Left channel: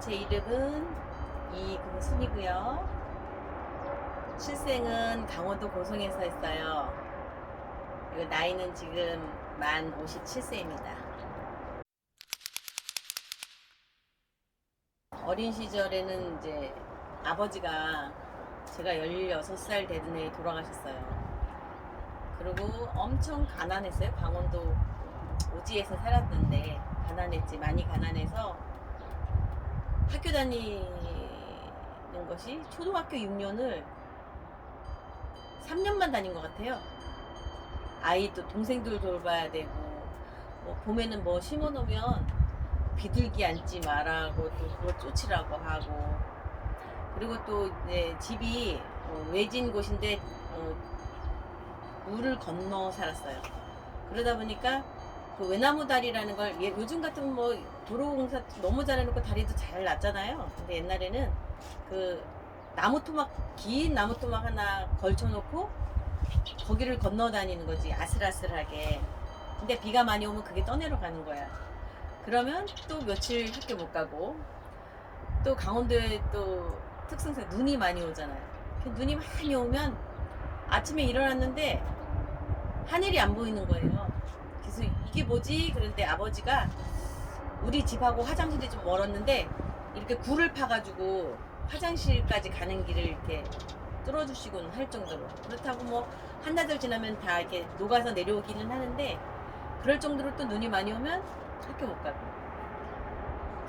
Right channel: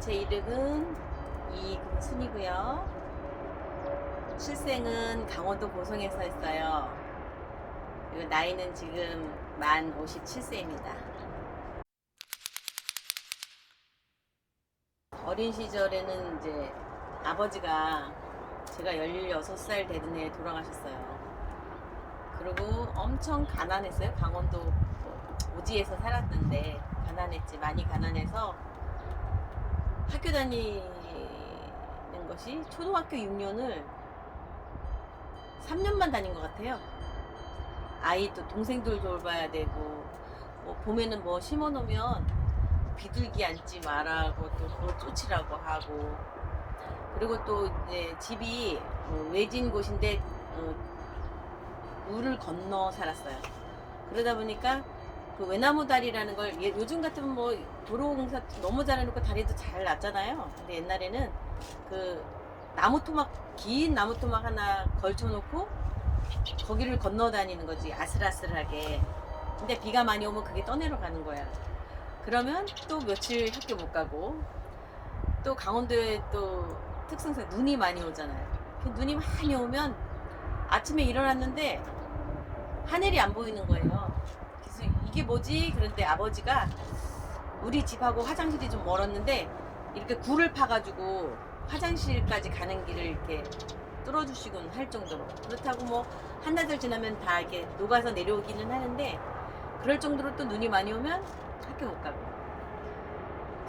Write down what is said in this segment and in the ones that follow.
제 이름은 이금순이고요. 출생은 강원도 고성에서 했어요. 그리고 나이는 지금 만 57세입니다. 어린 시절에는 이제 아버지가 제가 16살 되던 해에 돌아가셨어요. 그리고 엄청 가난했어요. 강원도 오지에서 살았는데 가난했지, 많이 가난해서 학교 다니는 것이 초등학교 6년을 3년만 다닌 것 같아요. 아이 또 동생들 돌봐야 되고, 뭐 봄에는 뭐 심어 놓으면 비둘기 앉지 말라고 또 그걸 쫓으라고 하고, 그리고 또 이제 집이 외진 곳인데 물을 건너 살았어요. 그러다 보니까 그 외나무 다리라는 걸 요즘 같으면 뭐 도로공사 너무 잘해놓고 다리도 잘 놨잖아요. 근데 옛날에는 그 나무 토막, 긴 나무 토막 하나 걸쳐놓고 거기를 건너 다니는 거지, 아슬아슬하게. 근데 비가 많이 오면 그게 떠내려 가는 거야. 그러면 또 며칠 학교 못 가고, 또 강원도에 또 특성상 눈이 많이 오잖아요. 눈이 많이 오면 아침에 일어났는데 하늘이 안 보이는 거예요. 그래서 이게 뭐지? 그런데 아버지가 우리 집하고 화장실이 좀 멀었는데 이렇게 굴을 파가지고 화장실까지 가는 길을 이렇게 뚫어주시곤 할 정도로, 그렇다고 뭐 한나절 지나면 다 이렇게 녹아서 내려오기는 하는데, 그럴 정도로 또 눈이 많이 오면 학교 못 가고.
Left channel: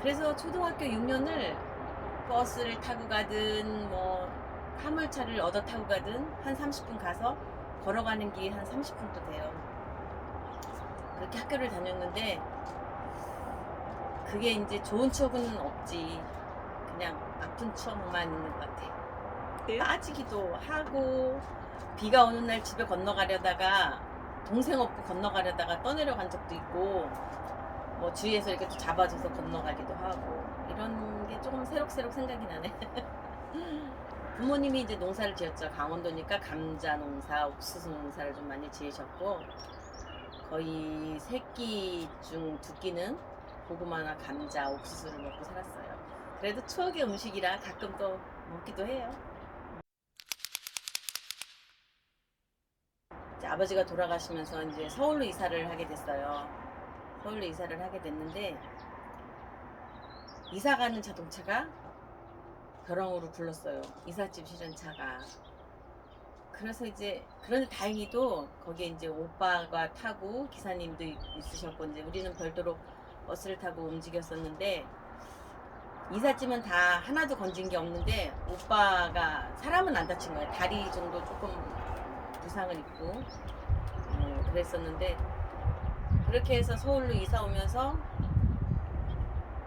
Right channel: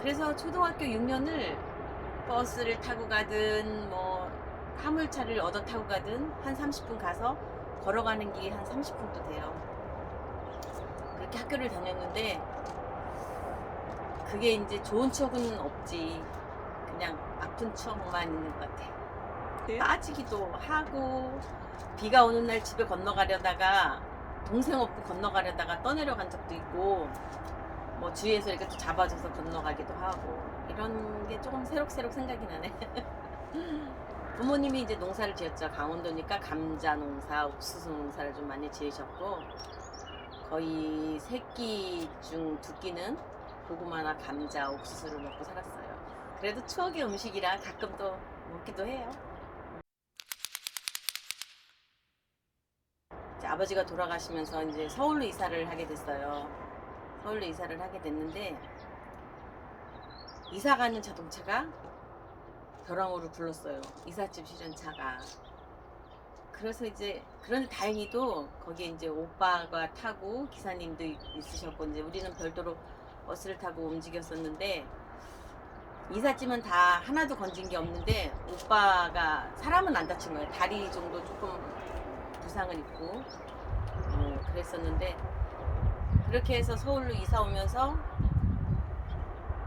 그래서 초등학교 6년을 버스를 타고 가든 뭐 화물차를 얻어 타고 가든 한 30분 가서 걸어가는 길이 한 30분도 돼요. 그렇게 학교를 다녔는데 그게 이제 좋은 추억은 없지. 그냥 아픈 추억만 있는 것 같아. 빠지기도 하고, 비가 오는 날 집에 건너가려다가 동생 업고 건너가려다가 떠내려간 적도 있고, 뭐 주위에서 이렇게 또 잡아줘서 건너가기도 하고, 이런 게 조금 새록새록 생각이 나네. 부모님이 이제 농사를 지었죠. 강원도니까 감자 농사, 옥수수 농사를 좀 많이 지으셨고, 거의 3끼 중 2끼는 고구마나 감자, 옥수수를 먹고 살았어요. 그래도 추억의 음식이라 가끔 또 먹기도 해요. 이제 아버지가 돌아가시면서 이제 서울로 이사를 하게 됐어요. 서울로 이사를 하게 됐는데, 이사 가는 자동차가 벼랑으로 굴렀어요. 이삿짐 실은차가. 그래서 이제, 그런데 다행히도 거기에 이제 오빠가 타고 기사님도 있으셨고, 이제 우리는 별도로 버스를 타고 움직였었는데, 이삿짐은 다 하나도 건진 게 없는데, 오빠가 사람은 안 다친 거예요. 다리 정도 조금 부상을 입고 그랬었는데, 그렇게 해서 서울로 이사 오면서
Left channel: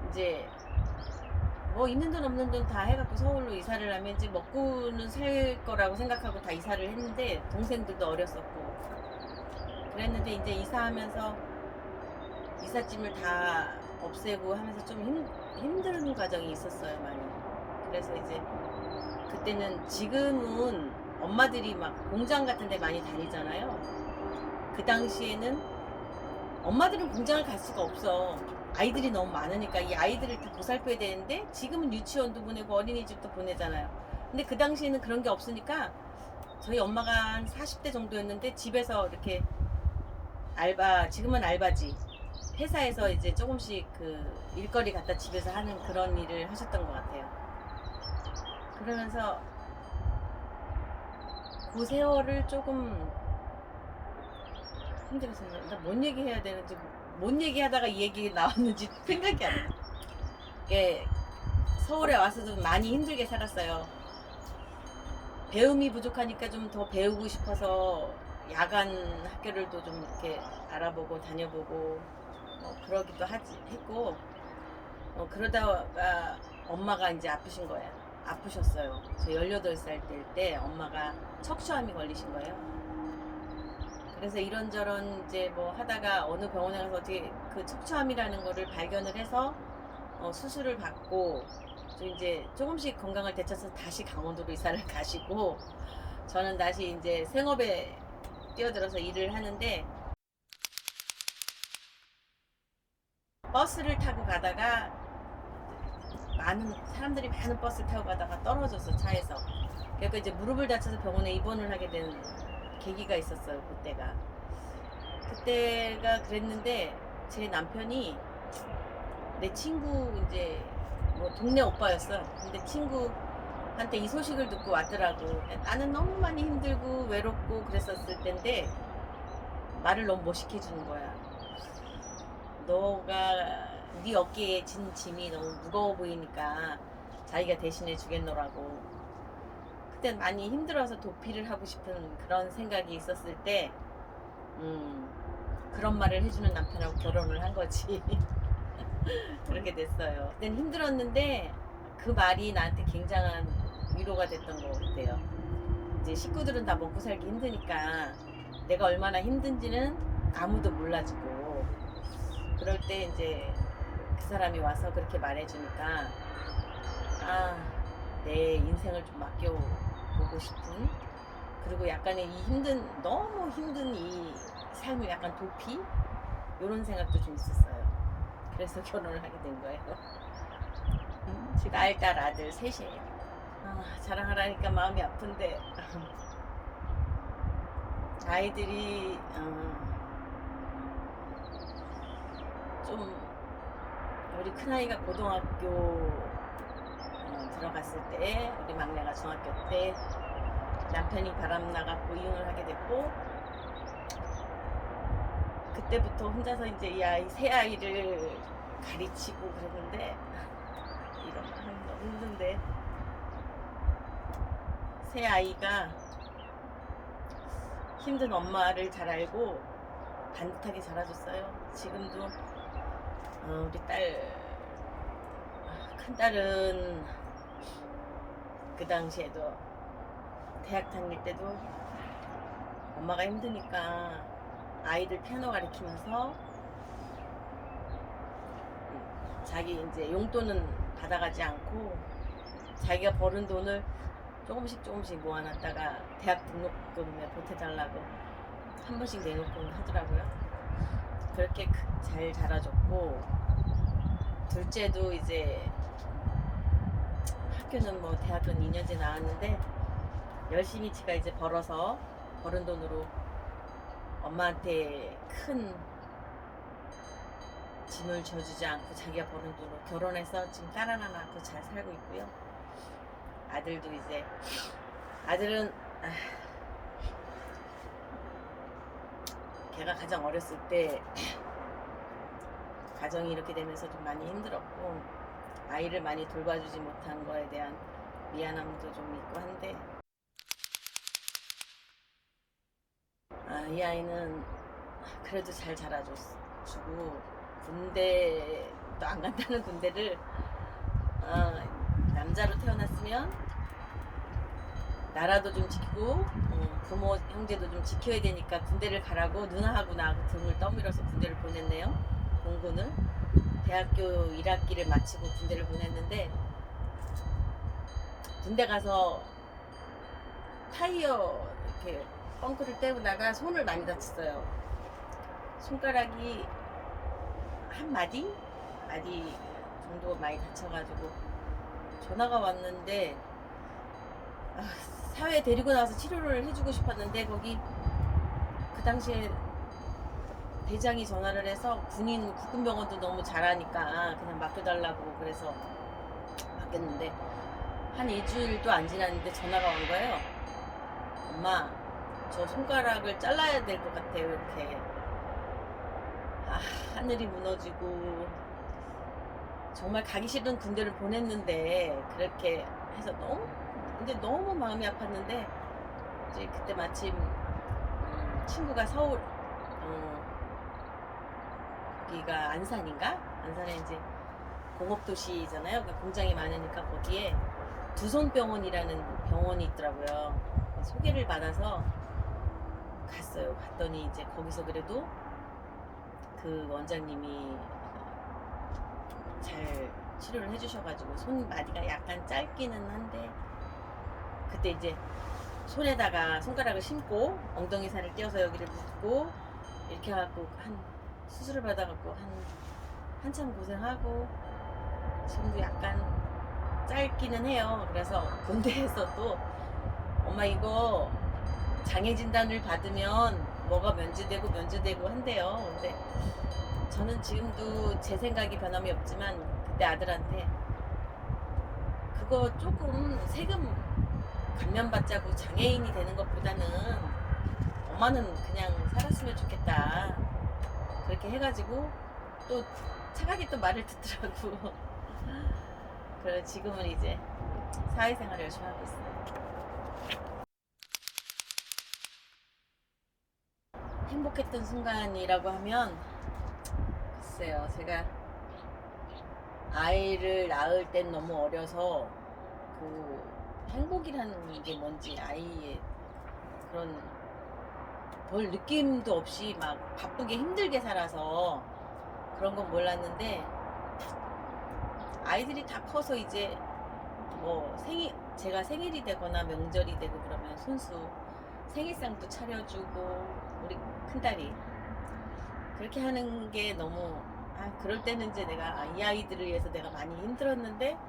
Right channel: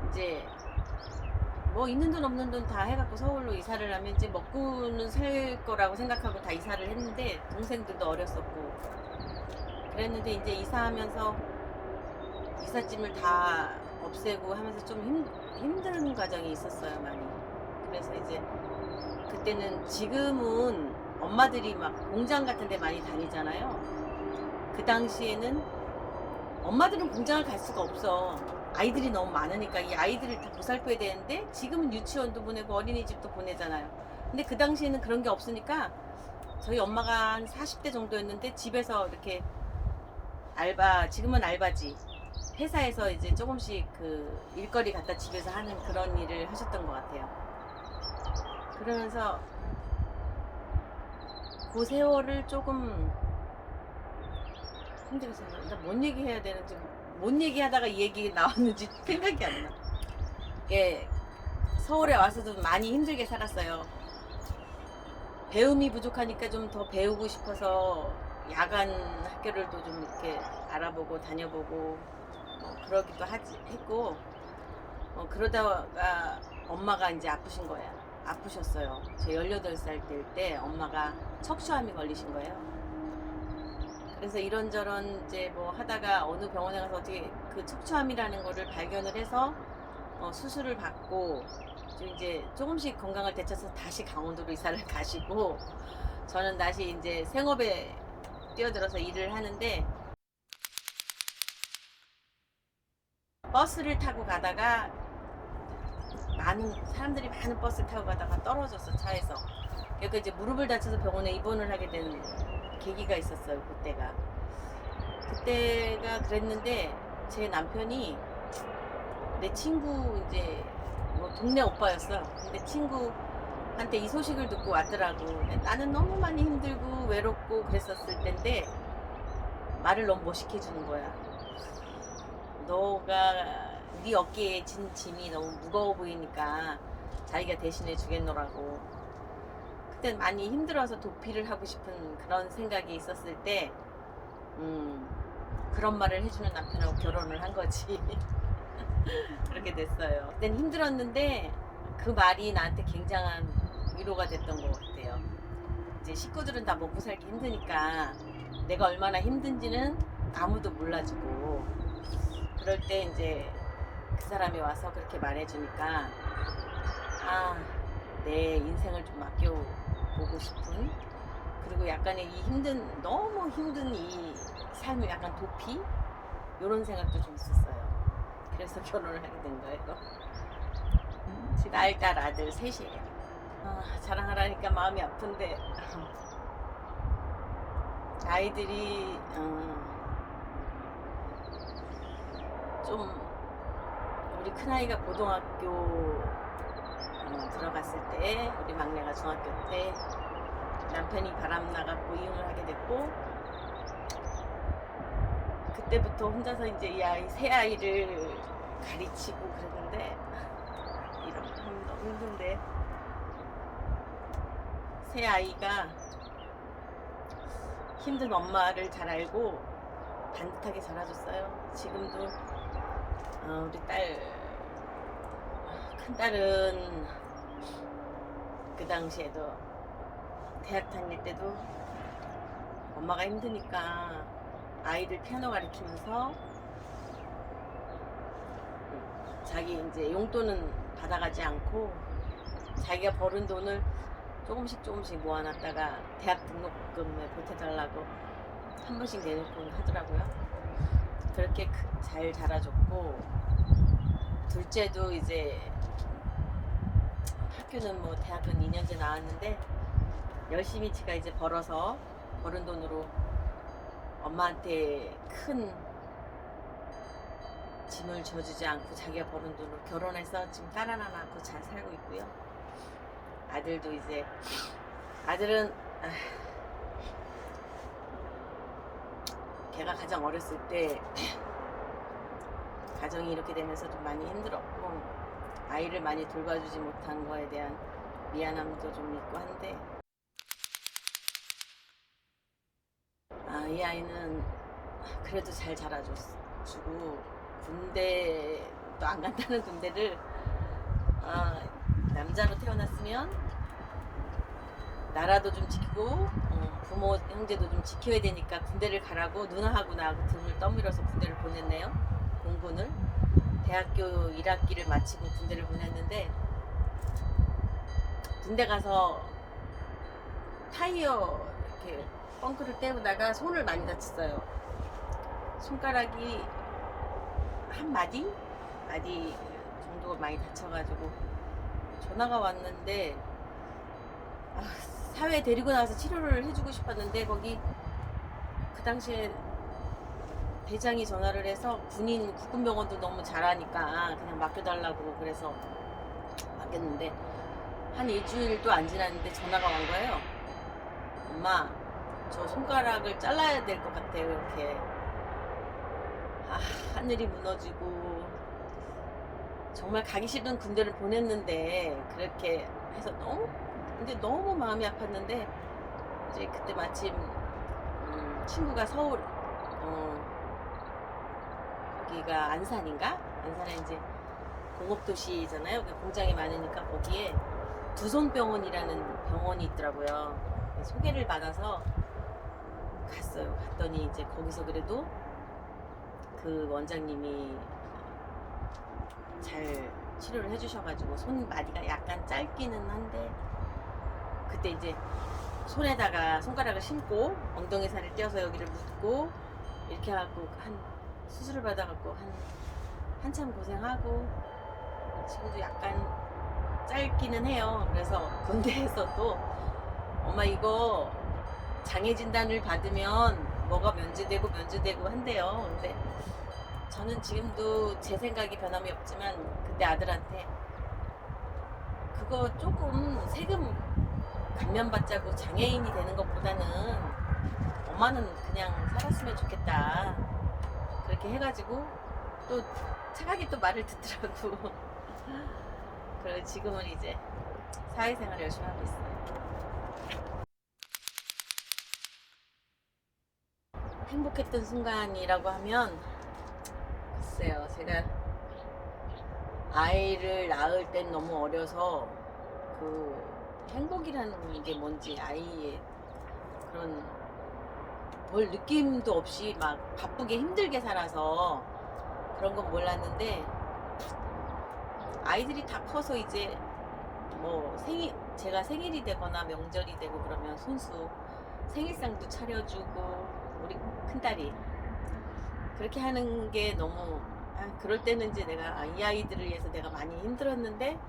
이제 뭐 있는 돈 없는 돈 다 해갖고 서울로 이사를 하면 이제 먹고는 살 거라고 생각하고 다 이사를 했는데, 동생들도 어렸었고 그랬는데, 이제 이사하면서 이삿짐을 다 없애고 하면서 좀 힘든 과정이 있었어요, 많이. 그래서 이제 그때는, 지금은 엄마들이 막 공장 같은 데 많이 다니잖아요. 그 당시에는 엄마들은 공장을 갈 수가 없어. 아이들이 너무 많으니까 이 아이들을 다 보살펴야 되는데, 지금은 유치원도 보내고 어린이집도 보내잖아요. 근데 그 당시에는 그런 게 없으니까 저희 엄마가 한 40대 정도였는데 집에서 이렇게 알바, 지금은 알바지, 회사에서 이제 조금씩 그 일거리 갖다 집에서 하는 그런 일을 하셨던 것 같아요. 그러면서 그 세월을 조금 힘들게 생각, 나뭔 얘기 해야 되는지, 뭔 얘기 하다가 이 얘기 나왔는지 생각이 안 나. 이게 서울에 와서도 많이 힘들게 살았어요. 배움이 부족하니까 좀 더 배우고 싶어서 야간 학교를 또 좀 이렇게 알아보고 다녀보고 그러기도 했고, 그러다가 엄마가 이제 아프신 거야. 아프셨어요. 저 18살 때 엄마가 척추암이 걸리신 거예요. 그래서 이런저런 이제 뭐 하다가 어느 병원에 가서 어떻게 그 척추암이라는 거를 발견을 해서 수술을 받고, 좀 이제 조금씩 건강을 되찾아서 다시 강원도로 이사를 가시고, 저는 다시 이제 생업에 뛰어들어서 일을 하는데, 버스를 타고 가다가 많은 사람들이 많은 버스를 타고 가다가 떨어졌어, 차에서. 그러니까 이제 무릎을 다쳐서 병원에 입원을 하게 된 계기가 있었어요, 그때가 그랬는데 제 남편이 내 친구 이제 뭐 동네 오빠였어. 근데 친구한테 이 소식을 듣고 왔더라고. 나는 너무 많이 힘들고 외롭고 그랬었을 텐데 말을 너무 멋있게 해주는 거야. 너가 네 어깨에 진 짐이 너무 무거워 보이니까 자기가 대신해 주겠노라고. 그땐 많이 힘들어서 도피를 하고 싶은 그런 생각이 있었을 때 그런 말을 해주는 남편하고 결혼을 한 거지. 그렇게 됐어요. 그땐 힘들었는데 그 말이 나한테 굉장한 위로가 됐던 것 같아요. 이제 식구들은 다 먹고 살기 힘드니까 내가 얼마나 힘든지는 아무도 몰라주고, 그럴 때 이제 그 사람이 와서 그렇게 말해주니까 내 인생을 좀 맡겨보고 싶은, 그리고 약간의 이 너무 힘든 이 삶을 약간 도피? 이런 생각도 좀 있었어요. 그래서 결혼을 하게 된 거예요. 지금 딸, 아들 셋이에요. 자랑하라니까 마음이 아픈데 아이들이 좀, 우리 큰아이가 고등학교 들어갔을 때, 우리 막내가 중학교 때 남편이 바람 나갔고 이혼을 하게 됐고, 그때부터 혼자서 이제 새 아이를 가르치고 그랬는데, 이런 말 하면 너무 힘든데, 새 아이가 힘든 엄마를 잘 알고 반듯하게 자라줬어요. 지금도 우리 큰 딸은 그 당시에도 대학 다닐 때도 엄마가 힘드니까 아이들 피아노 가르치면서 자기 이제 용돈은 받아가지 않고 자기가 버는 돈을 조금씩 모아놨다가 대학 등록금에 보태달라고 한 번씩 내놓곤 하더라고요. 그렇게 잘 자라줬고, 둘째도 이제 학교는 뭐 대학은 2년제 나왔는데 열심히 지가 이제 벌어서 버는 돈으로 엄마한테 큰 짐을 져주지 않고 자기가 버는 돈으로 결혼해서 지금 딸 하나 낳고 잘 살고 있고요. 아들도 이제, 아들은 걔가 가장 어렸을 때 가정이 이렇게 되면서 좀 많이 힘들었고, 아이를 많이 돌봐주지 못한 거에 대한 미안함도 좀 있고 한데, 이 아이는 그래도 잘 자라주고, 군대도 안 간다는 군대를, 남자로 태어났으면 나라도 좀 지키고 부모 형제도 좀 지켜야 되니까 군대를 가라고 누나하고 나하고 등을 떠밀어서 군대를 보냈네요. 공군을. 대학교 1학기를 마치고 군대를 보냈는데, 군대 가서 타이어 이렇게 펑크를 때우다가 손을 많이 다쳤어요. 손가락이 한 마디 정도 많이 다쳐가지고 전화가 왔는데, 사회에 데리고 나와서 치료를 해주고 싶었는데, 거기 그 당시에 대장이 전화를 해서 국군병원도 너무 잘하니까 그냥 맡겨달라고, 그래서 맡겼는데 한 일주일도 안 지났는데 전화가 온 거예요. 엄마, 저 손가락을 잘라야 될 것 같아요. 이렇게. 하늘이 무너지고, 정말 가기 싫은 군대를 보냈는데 그렇게 해서 너무 마음이 아팠는데, 이제 그때 마침 친구가 서울, 거기가 안산인가? 안산에 이제 공업도시잖아요. 그러니까 공장이 많으니까 거기에 두손병원이라는 병원이 있더라고요. 소개를 받아서 갔어요. 갔더니 이제 거기서 그래도 그 원장님이 잘 치료를 해주셔가지고 손마디가 약간 짧기는 한데, 그때 이제 손에다가 손가락을 심고 엉덩이 살을 떼어서 여기를 묶고 이렇게 해갖고 수술을 받아갖고 한참 고생하고, 지금도 약간 짧기는 해요. 그래서 군대에서도 엄마 이거 장애 진단을 받으면 뭐가 면제되고 한대요. 근데 저는 지금도 제 생각이 변함이 없지만 그때 아들한테 그거 조금 세금 감면받자고 장애인이 되는 것보다는 엄마는 그냥 살았으면 좋겠다. 그렇게 해가지고 또 차라리 또 말을 듣더라고. 그래 지금은 이제 사회생활을 열심히 하고 있어요. 행복했던 순간이라고 하면 글쎄요, 제가 아이를 낳을 땐 너무 어려서 그 행복이라는 게 뭔지 아이의 그런 별 느낌도 없이 막 바쁘게 힘들게 살아서 그런 건 몰랐는데 아이들이 다 커서 이제 뭐 제가 생일이 되거나 명절이 되고 그러면 손수 생일상도 차려주고 우리 큰딸이 그렇게 하는 게 너무 그럴 때는 이제 내가 이 아이들을 위해서 내가 많이 힘들었는데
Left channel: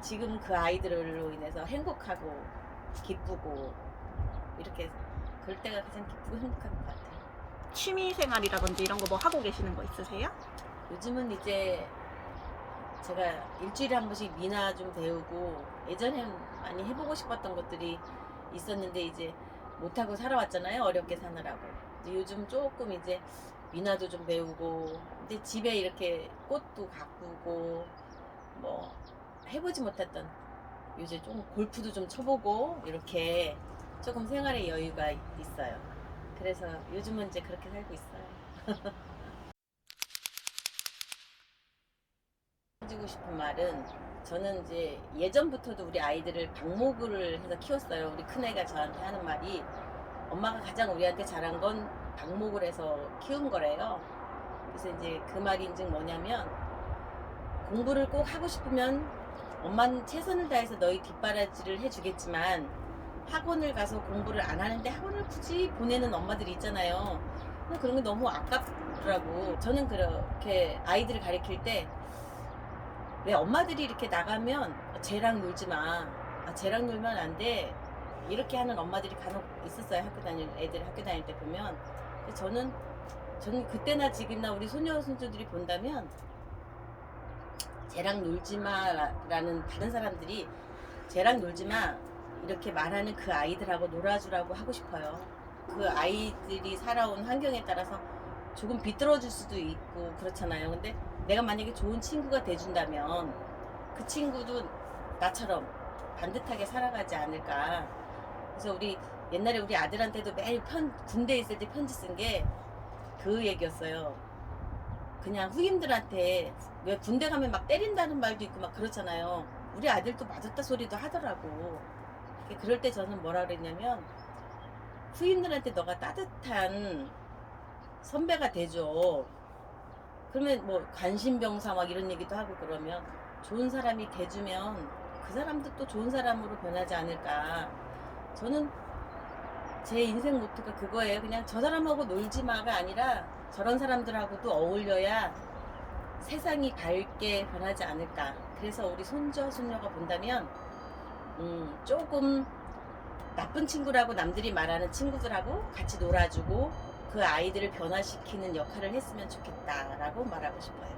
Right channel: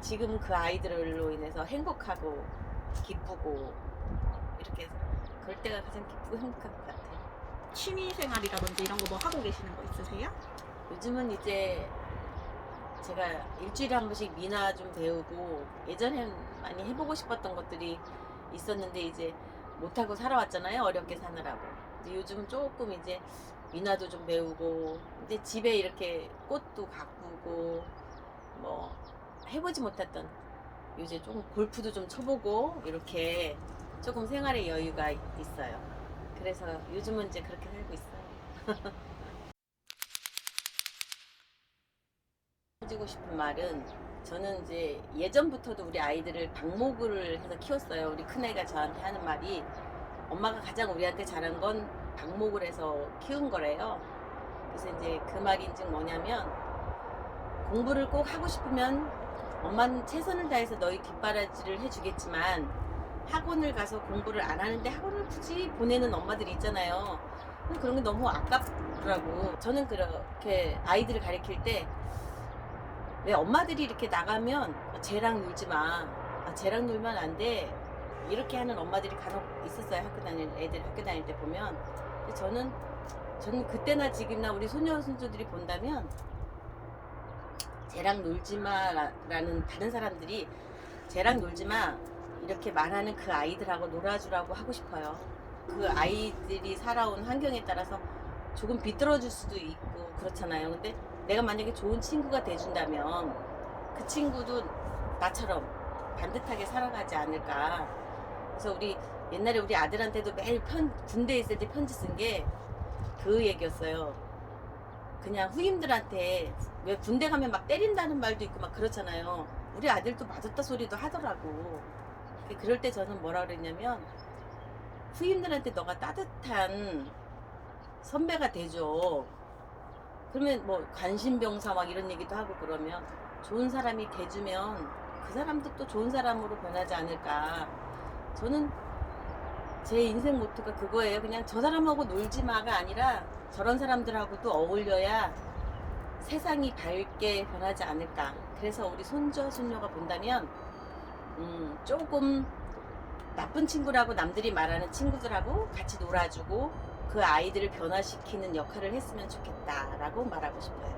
지금 그 아이들로 인해서 행복하고 기쁘고 이렇게 그럴 때가 가장 기쁘고 행복한 것 같아요. 취미 생활이라든지 이런 거 뭐 하고 계시는 거 있으세요? 요즘은 이제 제가 일주일에 한 번씩 미나 좀 배우고 예전엔 많이 해보고 싶었던 것들이 있었는데 이제 못하고 살아왔잖아요. 어렵게 사느라고. 근데 요즘 조금 이제 미나도 좀 배우고 근데 집에 이렇게 꽃도 가꾸고 뭐 해보지 못했던 요새 좀 골프도 좀 쳐보고 이렇게 조금 생활의 여유가 있어요. 그래서 요즘은 이제 그렇게 살고 있어요. 해주고 싶은 말은 저는 이제 예전부터도 우리 아이들을 방목을 해서 키웠어요. 우리 큰애가 저한테 하는 말이 엄마가 가장 우리한테 잘한 건 방목을 해서 키운 거래요. 그래서 이제 그 말인즉 뭐냐면 공부를 꼭 하고 싶으면 엄마는 최선을 다해서 너희 뒷바라지를 해주겠지만 학원을 가서 공부를 안 하는데 학원을 굳이 보내는 엄마들이 있잖아요. 그런 게 너무 아깝더라고. 저는 그렇게 아이들을 가르칠 때 왜 엄마들이 이렇게 나가면 쟤랑 놀지 마. 쟤랑 놀면 안 돼. 이렇게 하는 엄마들이 간혹 있었어요. 애들 학교 다닐 때 보면. 근데 저는 그때나 지금이나 우리 소녀 손주들이 본다면 쟤랑 놀지 마라는 다른 사람들이 쟤랑 놀지 마 이렇게 말하는 그 아이들하고 놀아주라고 하고 싶어요. 그 아이들이 살아온 환경에 따라서 조금 비뚤어질 수도 있고 그렇잖아요. 근데 내가 만약에 좋은 친구가 돼준다면 그 친구도 나처럼 반듯하게 살아가지 않을까. 그래서 우리 옛날에 우리 아들한테도 매일 군대에 있을 때 편지 쓴 게 그 얘기였어요. 그냥 후임들한테 왜 군대 가면 막 때린다는 말도 있고 막 그렇잖아요. 우리 아들도 맞았다 소리도 하더라고. 그럴 때 저는 뭐라 그랬냐면 후임들한테 너가 따뜻한 선배가 돼줘. 그러면 뭐 관심병사 막 이런 얘기도 하고 그러면 좋은 사람이 돼주면 그 사람도 또 좋은 사람으로 변하지 않을까. 저는 제 인생 모토가 그거예요. 그냥 저 사람하고 놀지 마가 아니라 저런 사람들하고도 어울려야 세상이 밝게 변하지 않을까. 그래서 우리 손녀가 본다면 조금 나쁜 친구라고 남들이 말하는 친구들하고 같이 놀아주고 그 아이들을 변화시키는 역할을 했으면 좋겠다라고 말하고 싶어요.